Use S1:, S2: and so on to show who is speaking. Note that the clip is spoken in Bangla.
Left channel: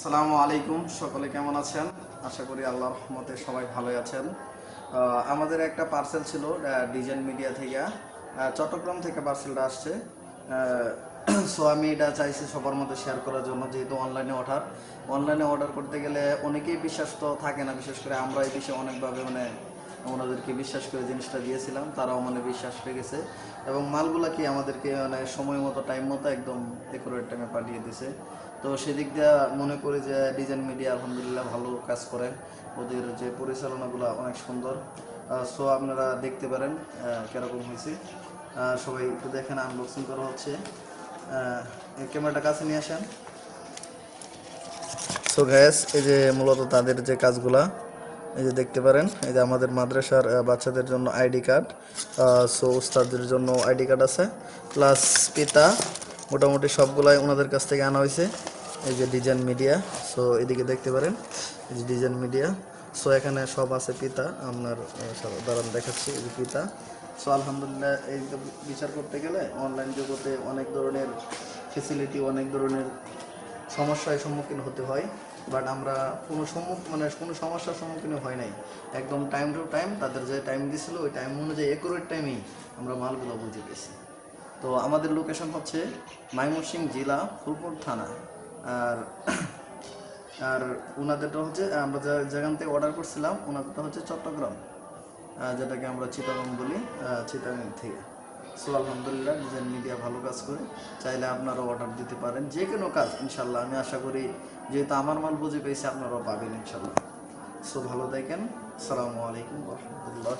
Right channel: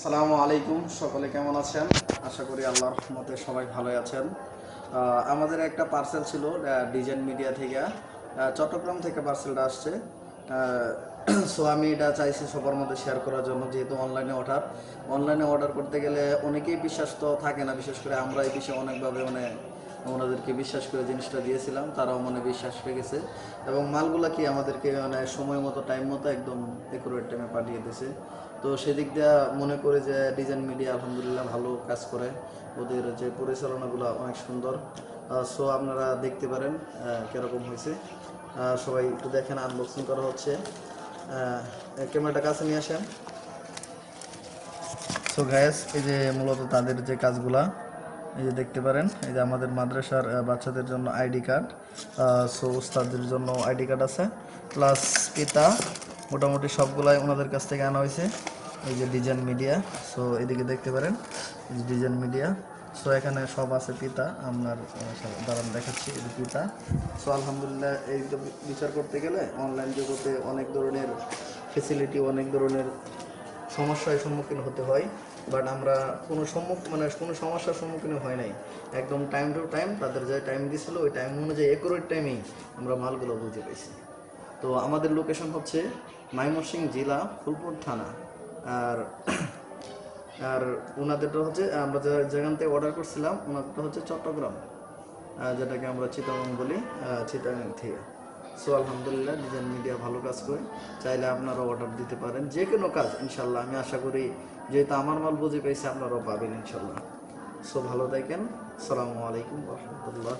S1: আসসালামু আলাইকুম, সকলে কেমন আছেন? আশা করি আল্লাহর রহমতে সবাই ভালোই আছেন। আমাদের একটা পার্সেল ছিল ডিজাইন মিডিয়া থেকে। চট্টগ্রাম থেকে পার্সেলটা আসছে। সো আমি এটা চাইছি সবার মধ্যে শেয়ার করার জন্য, যেহেতু অনলাইনে অর্ডার অনলাইনে অর্ডার করতে গেলে অনেকেই বিশ্বাস তো থাকে না, বিশেষ করে আমরা এই বিষয়ে অনেকভাবে মানে ওনাদেরকে বিশ্বাস করে জিনিসটা দিয়েছিলাম, তারাও মানে বিশ্বাস গেছে। এবং মালগুলা কি আমাদেরকে মানে সময় মতো টাইম মতো একদম একুরেট টাইমে পাঠিয়ে দিয়েছে। তো সেদিক দিয়ে মনে করে যে ডিজাইন মিডিয়া আলহামদুলিল্লাহ ভালো কাজ করে। ওদের যে পরিচালনাগুলো অনেক সুন্দর। সো আপনারা দেখতে পারেন কীরকম হয়েছে। সবাই একটু দেখেন আনবক্সিং করা হচ্ছে। ক্যামেরাটা কাছে নিয়ে আসেন। সো গ্যাস এই যে মূলত তাদের যে কাজগুলা এই যে দেখতে পারেন, এই যে আমাদের মাদ্রাসার বাচ্চাদের জন্য আইডি কার্ড সো উস্তাদের জন্য আইডি কার্ড আছে। প্লাস পিতা, মোটামুটি সবগুলাই ওনাদের কাছ থেকে আনা হয়েছে। এই যে ডিজাইন মিডিয়া, সো এদিকে দেখতে পারেন, এই যে ডিজাইন মিডিয়া। সো এখানে সব আছে পিতা, আপনার দাঁড়ান দেখাচ্ছি, এই যে পিতা। সো আলহামদুলিল্লাহ, এই বিচার করতে গেলে অনলাইন জগতে অনেক ধরনের ফেসিলিটি অনেক ধরনের সমস্যার সম্মুখীন হতে হয়। বাট আমরা কোনো সম্মুখ মানে কোনো সমস্যার সম্মুখীন হয় নাই। একদম টাইম টু টাইম তাদের যে টাইম দিছিল, ওই টাইম অনুযায়ী একুরেট টাইমেই আমরা মালগুলো বুঝে পেয়েছি। তো আমাদের লোকেশন হচ্ছে ময়মনসিংহ জেলা ফুলপুর থানা। আর আর ওনাদেরটা হচ্ছে, আমরা যে যেখান থেকে অর্ডার করছিলাম ওনাদেরটা হচ্ছে চট্টগ্রাম। যেটাকে আমরা চিটাগং বলি চিটাগং থেকে। সো আলহামদুলিল্লাহ নিজের মিডিয়া ভালো কাজ করে। চাইলে আপনারা অর্ডার দিতে পারেন। যে কোনো কাজ ইনশাল্লাহ আমি আশা করি যেহেতু আমার মাল বুঝে পেয়েছি আপনারাও পাবেন ইনশাল্লাহ সো ভালো থাকেন। সালামু আলাইকুম রহমতুল্লাহ